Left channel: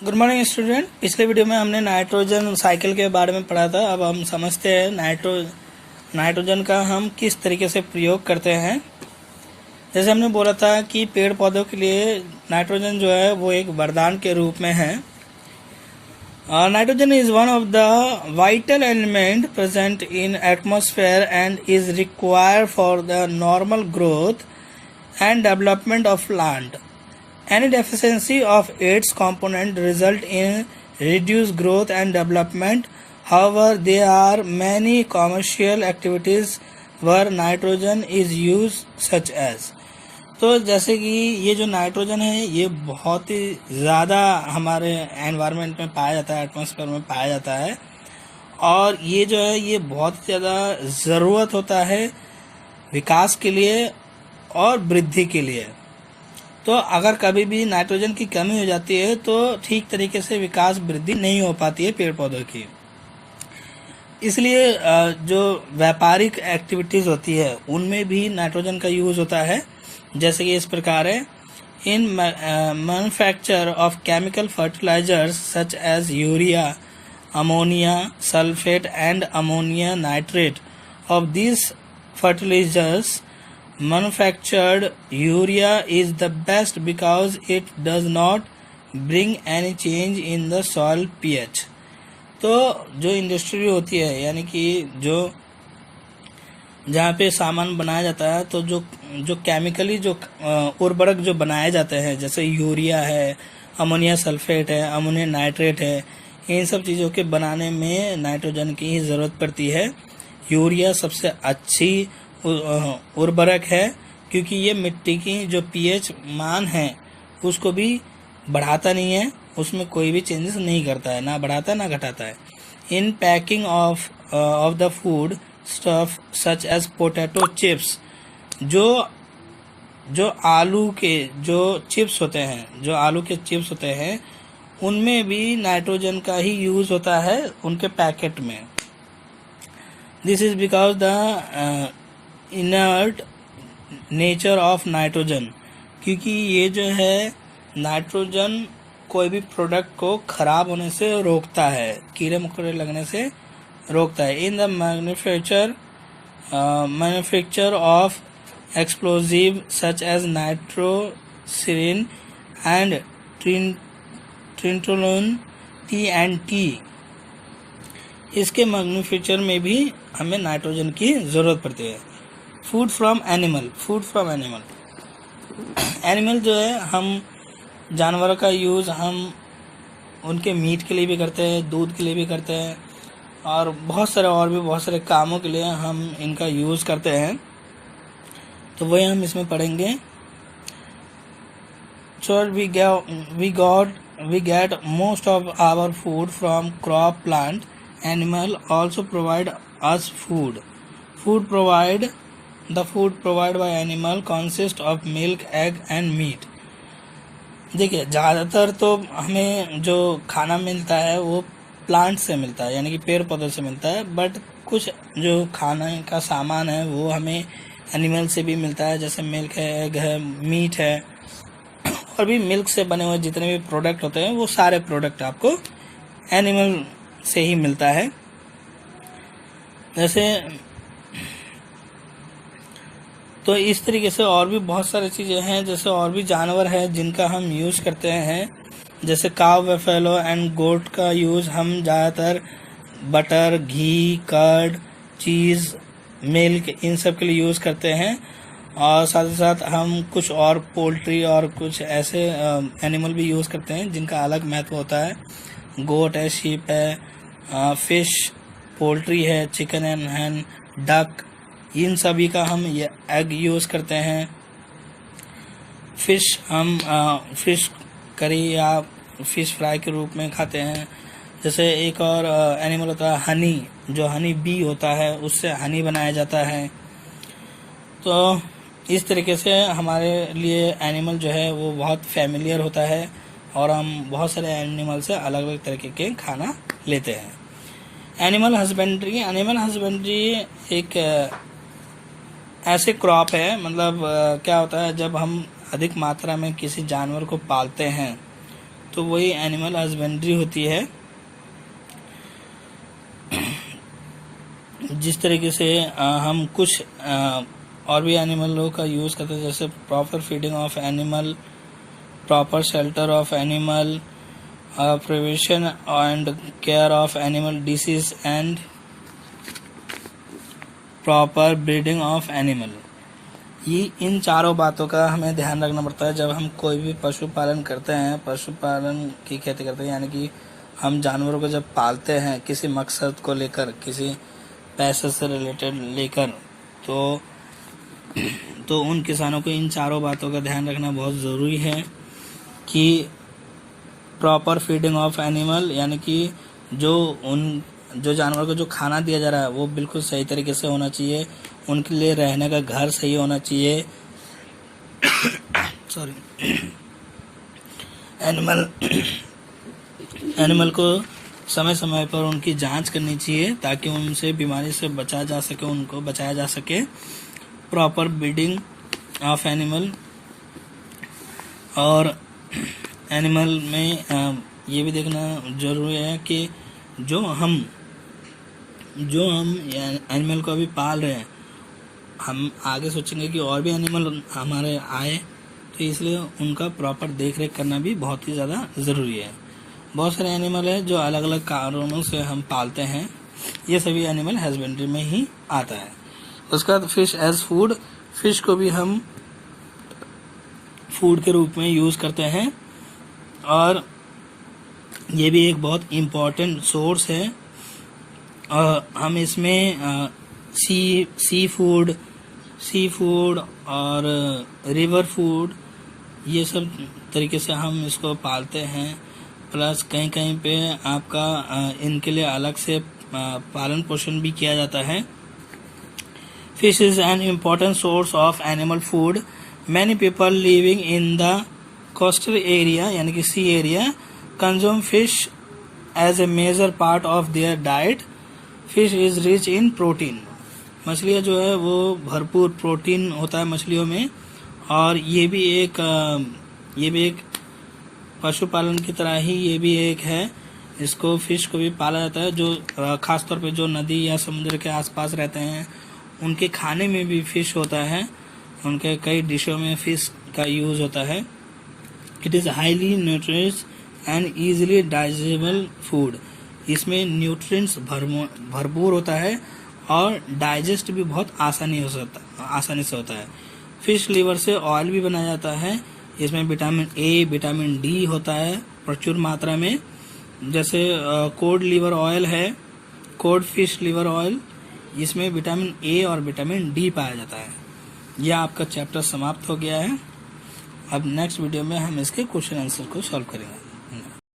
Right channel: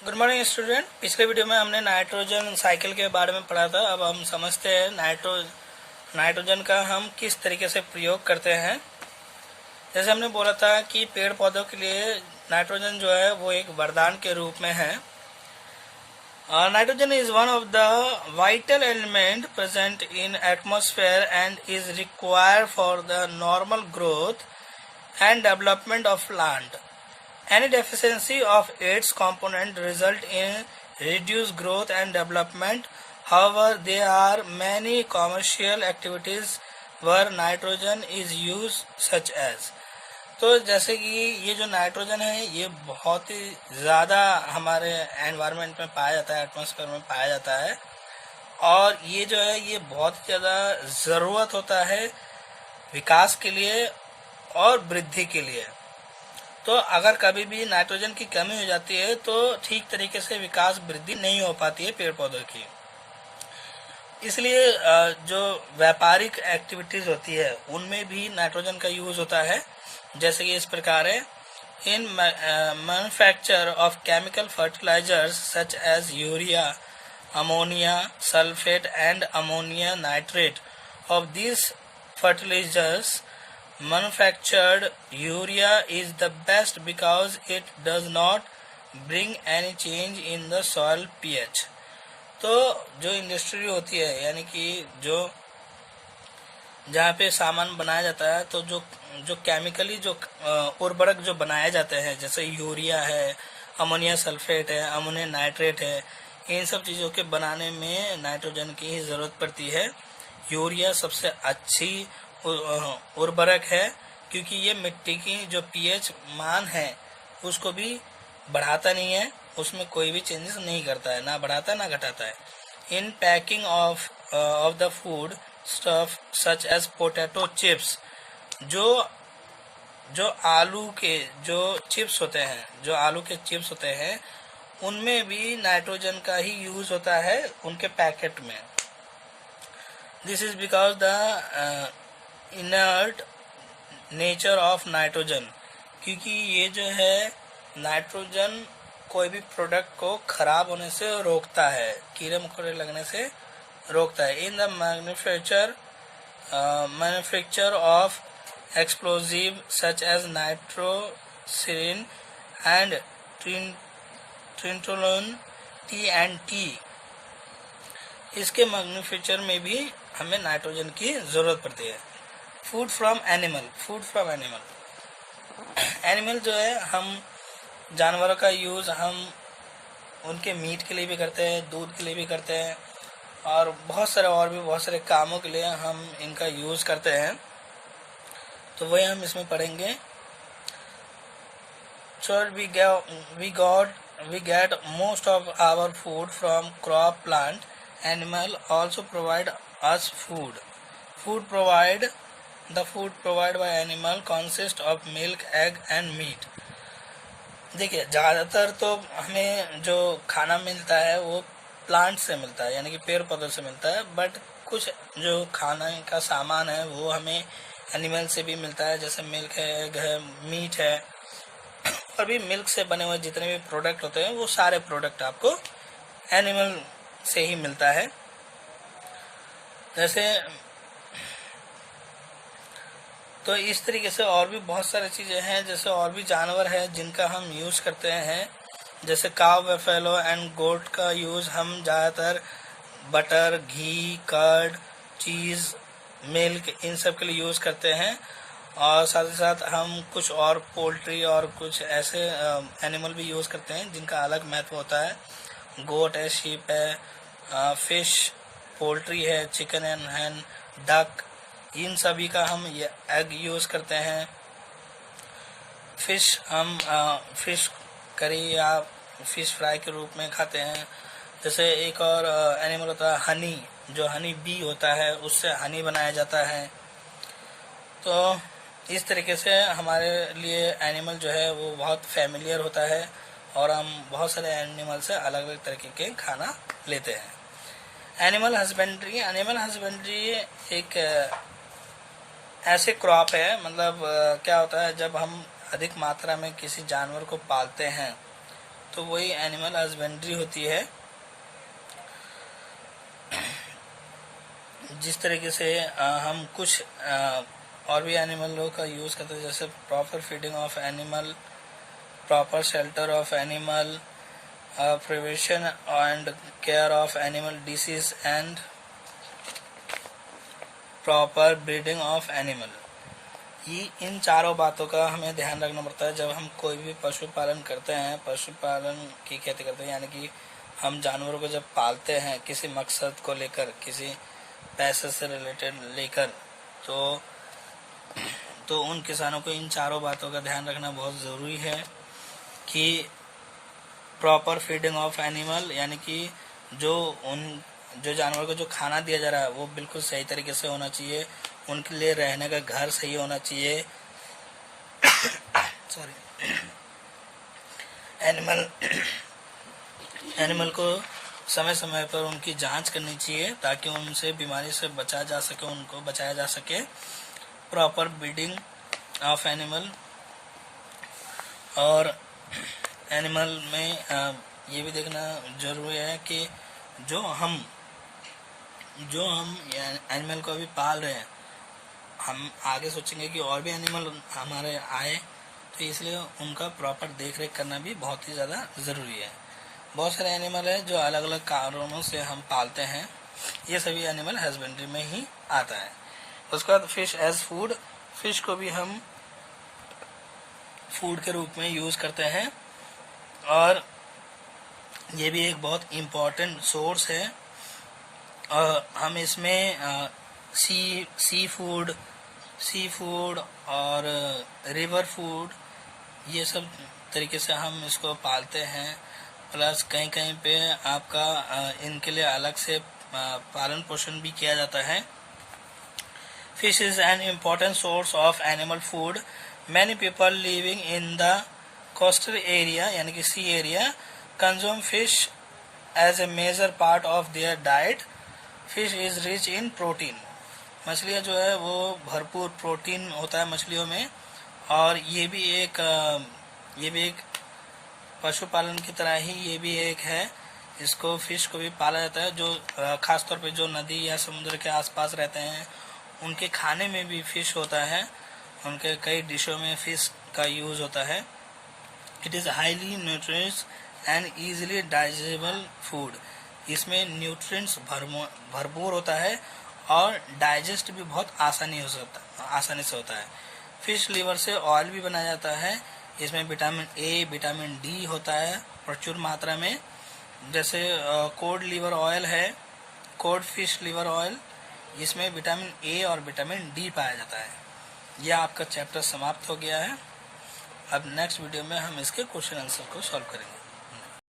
Good morning student. पिछले video में हमने नाइट्रोजन साइकिल के बारे में पढ़ा था। अब हम समझते हैं नाइट्रोजन का हम किस तरीके से प्रयोग करते हैं। जैसे हमने बोला था कि पेड़ पौधों के लिए नाइट्रोजन जो है वो एक वरदान के रूप में है। Nitrogen is one of the vital element present in atmosphere and is required for the normal growth and development of plant. Any deficiency of its component result in reduced growth and development. However, there are many commercial activities where nitrogen is used such as. तो जैसे कि ये जो nitrogen है ये बहुत ही ज़्यादा हमारे एनवायरनमेंट में पाया जाता है, एटमॉस्फेयर में पाया जाता है, और ये जो है ये बहुत ज़्यादा ज़रूरत होता है विकास के लिए और वृद्धि के लिए। तो अगर कभी भी नाइट्रोजन की कमी हो जाती है तो ठीक तरीके से विकास वृद्धि नहीं हो पाती है पेड़ पौधों की। इसलिए जो व्यापारिक एक्टिविटीज होती है उनमें भी नाइट्रोजन का यूज होता है। जैसे कि इस प्रकार है, in manufacture of chemical fertilisers such as urea, ammonia sulphate and ammonia nitrate. Of this fertilisers manufactured urea is the best because it does not bring any change in the soil pH। तो जो industry होती है यानी कि जो जहाँ पे सामान बनाया जाता है तो जो केमिकली जो उर्वरक जो बनाए जाते हैं जैसे यूरिया है, अमोनिया सल्फेट है, अमोनिया नाइट्रेट है, इन सब चीज़ों के बनाने में नाइट्रोजन की ही ज़रूरत पड़ती है। यूरिया सबसे अच्छी उर्वरक है क्योंकि ये मिट्टी की जो पीएच मान है उसको भी बढ़ाता नहीं है, उसमें कोई भी चेंजेस नहीं करता है, ना बढ़ाता ना घटाता है। In packing of the food stuff such as potato chips, जो आलू के जो चिप्स होते हैं, जो आलू के चिप्स होते हैं उनमें भी नाइट्रोजन का ही यूज होता है उनके पैकेट में। This is because the inert nature of nitrogen, क्योंकि ये जो है नाइट्रोजन कोई भी प्रोडक्ट को खराब होने से रोकता है, कीड़े मकोड़े लगने से रोकता है। In the manufacture of explosive such as nitroglycerine and trinitrotoluene TNT, इसके मैन्युफैक्चर में भी हमें नाइट्रोजन की जरूरत पड़ती है। फूड फ्रॉम एनिमल एनिमल जो है हम जानवरों का यूज़ हम उनके मीट के लिए भी करते हैं, दूध के लिए भी करते हैं, और बहुत सारे कामों के लिए हम इनका यूज़ करते हैं। तो वही हम इसमें पढ़ेंगे। So we get most of our food from crop plant. Animal also provide us food. The food provided by animal consists of milk, egg and meat. देखिए ज़्यादातर तो हमें जो खाना मिलता है वो प्लांट से मिलता है, यानी कि पेड़ पौधों से मिलता है, बट कुछ जो खाने का सामान है वो हमें एनिमल से भी मिलता है, जैसे मिल्क है, एग है, मीट है, और भी मिल्क से बने हुए जितने भी प्रोडक्ट होते हैं वो सारे प्रोडक्ट आपको एनिमल से ही मिलता है। जैसे तो इस तरीके से और भी बहुत सारी चीज़ें हैं, जैसे और भी जानवर हैं जिनका हम यूज़ करते हैं। जैसे काव, बफेलो एंड गोट का यूज़ हम ज़्यादातर butter, ghee, curd, cheese, milk इन सब के लिए यूज़ करते हैं। और साथ ही साथ हम कुछ और पोल्ट्री और कुछ ऐसे एनिमल भी यूज़ करते हैं जिनका अलग महत्व होता है। गोट है, शीप है, फिश, पोल्ट्री है, चिकन एंड हैन, डक, इन सभी का हम ये एग यूज़ करते हैं। फिश हम फिश करी या फिश फ्राई के रूप में खाते हैं। जैसे एक और एनिमल होता है हनी, जो हनी बी होता है उससे हनी बनाया जाता है। तो इस तरीके से हमारे लिए एनिमल जो है वो बहुत फैमिलियर होता है और हम बहुत सारे एनिमल से अलग अलग तरीके के खाना लेते हैं। एनिमल हस्बेंड्री एक ऐसे क्रॉप है, मतलब क्या होता है, जब हम अधिक मात्रा में किसी जानवर को पालते हैं तो वही एनिमल हस्बेंड्री होती है। जिस तरीके से हम कुछ और भी एनिमलों का यूज़ करते हैं, जैसे proper feeding of animal, proper shelter of animal, prevention and care of animal disease and proper breeding of animal. ये इन चारों बातों का हमें ध्यान रखना पड़ता है जब हम कोई भी पशुपालन करते हैं, पशुपालन की खेती करते हैं, यानी कि हम जानवरों को जब पालते हैं किसी मकसद को लेकर, किसी पैसे से रिलेटेड लेकर, तो उन किसानों को इन चारों बातों का ध्यान रखना बहुत ज़रूरी है कि प्रॉपर फीडिंग ऑफ एनिमल, यानी कि जो जानवर को जो खाना दिया जा रहा है वो बिल्कुल सही तरीके से होना चाहिए, उनके लिए रहने का घर सही होना चाहिए। सॉरी एनिमल को समय समय पर उनकी जांच करनी चाहिए ताकि उनसे बीमारी से बचा जा सके, उनको बचाया जा सके। प्रॉपर ब्रीडिंग ऑफ एनिमल, और एनिमल में ये भी देखना जरूरी है कि जो हम एनिमल को अभी पाल रहे हैं, हम आगे सोचेंगे कि और भी एनिमल हमारे आए, तो इसलिए उनका प्रॉपर देख रेख करना भी बहुत ही ज़्यादा ज़रूरी है। बहुत सारे एनिमल है जो अलग अलग कारणों से हम पालते हैं, ये सभी एनिमल हस्बेंड्री में ही आता है। उसके बाद फिश एज फूड, फिश को भी हम फूड के रूप में यूज़ करते हैं, और ये भी एक बहुत इम्पोर्टेंट सोर्स है। हम इसमें सी फूड और रिवर फूड, ये सब तरीके से हम इसको पालते हैं। प्लस कहीं कहीं पे आपका इनके लिए अलग से पालन पोषण भी किया जाता है। Fish is an important source of animal food. Many people living in the coastal area, यानी कि sea area, consume fish as a major part of their diet. Fish is rich in protein. मछलियाँ जो है वो भरपूर protein होता है मछलियों में, और ये भी एक पशुपालन की तरह ही ये भी एक है। इसको फिश को भी पाला जाता है, जो खासतौर पे जो नदी या समुद्र के आसपास रहते हैं उनके खाने में भी फिश होता है, उनके कई डिशों में फिश का यूज होता है। It is highly nutrients and easily digestible food. इसमें न्यूट्रिएंट्स भरपूर होता है और डाइजेस्ट भी बहुत आसानी से होता है। फिश लीवर से ऑयल भी बनाया जाता है। इसमें विटामिन ए, विटामिन डी होता है प्रचुर मात्रा में। जैसे कोड लिवर ऑयल है, कोड फिश लिवर ऑयल, इसमें विटामिन ए और विटामिन डी पाया जाता है। यह आपका चैप्टर समाप्त हो गया है। अब नेक्स्ट वीडियो में हम इसके क्वेश्चन आंसर को सॉल्व करेंगे।